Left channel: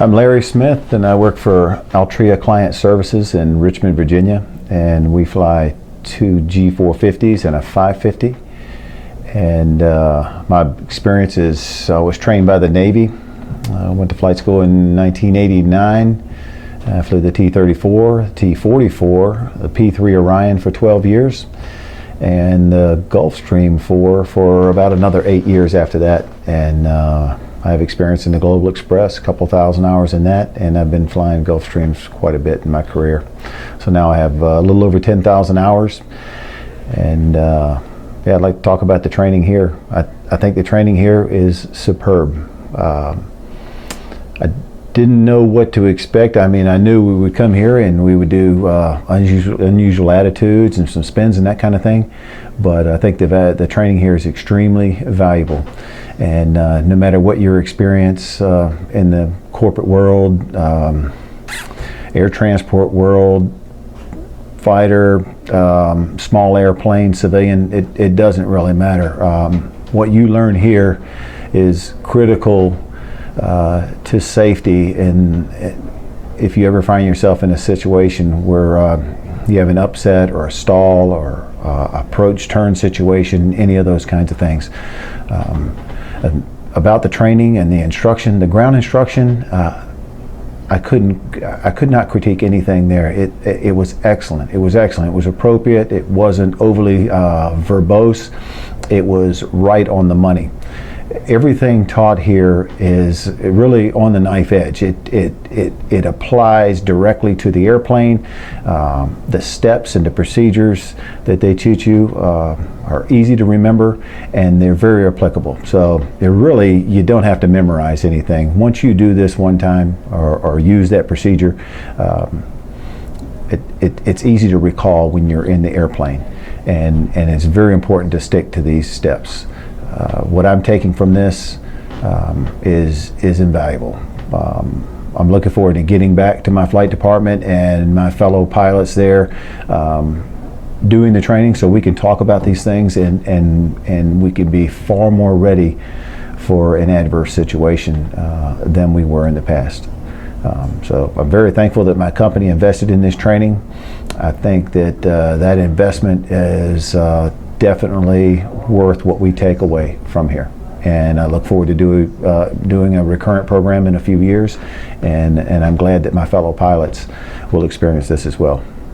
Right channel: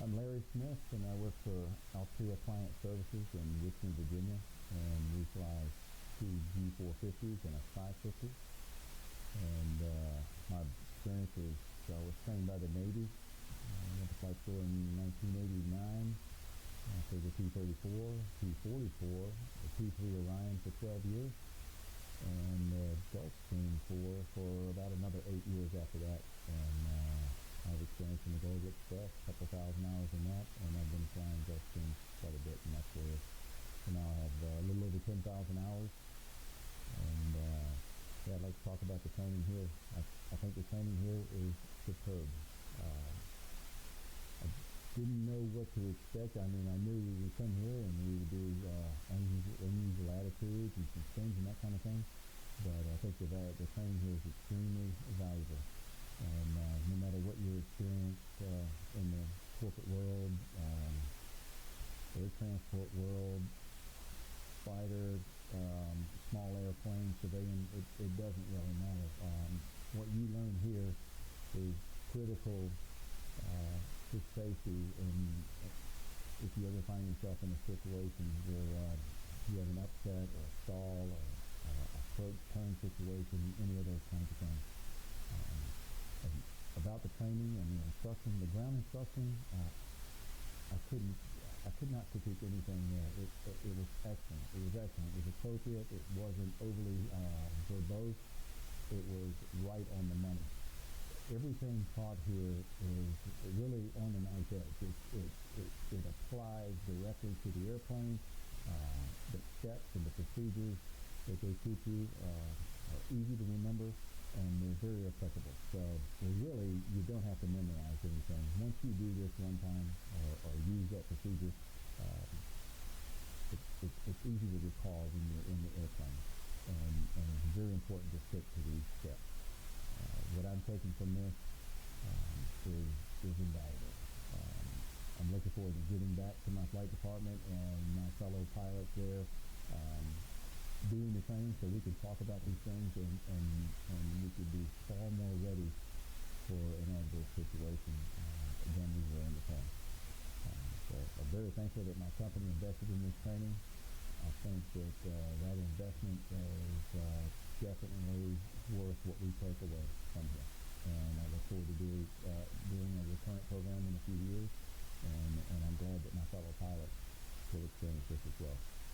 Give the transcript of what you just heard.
I'm Larry Smith, and I work for Altria Client Services in Richmond, Virginia, and we fly two G450s and a 550. And my experience is I was trained by the Navy. I went to flight school in 1989. I flew the T-34, T-44, the P-3 Orion for 12 years, and the Gulfstream 4 for about another 8 years after that. And I have experience in the Global Express, a couple thousand hours in that, and I've been flying Gulfstreams quite a bit in my career. So now I have a little over 10,000 hours, and yeah, I'd like to talk about the training here. I think the training here is superb. I didn't know what to expect. I mean, I knew we would come here and we would do unusual attitudes and some spins and that kind of thing, but I think the training here is extremely valuable. And no matter what your experience in the corporate world, air transport world, fighter, small airplane, civilian, it doesn't really matter. What you learn here is critical to safety, and if you ever find yourself in a situation where you have an upset or a stall or approach turn situation, any of those kinds of things. About the training and the instruction, the ground instruction, I could not critique anything there. It was excellent. It was excellent. It was appropriate. It wasn't overly verbose. It was right on the money. Everything taught here is really on the knife edge. It applies directly to the airplane. The steps and the procedures that they teach you are easy to remember, and they're very applicable. So you don't have to memorize anything. Once you do this one time or use that procedure, it's easy to recall when you're in the airplane, and it's very important to stick to these steps. What I'm taking from this is invaluable. I'm looking forward to getting back to my flight department and my fellow pilots there, doing the training so we can talk about these things and we can be far more ready for an adverse situation than we were in the past. So I'm very thankful that my company invested in this training. I think that that investment is definitely worth what we take away from here, and I look forward to doing a recurrent program in a few years, and I'm glad that my fellow pilots will experience this as well.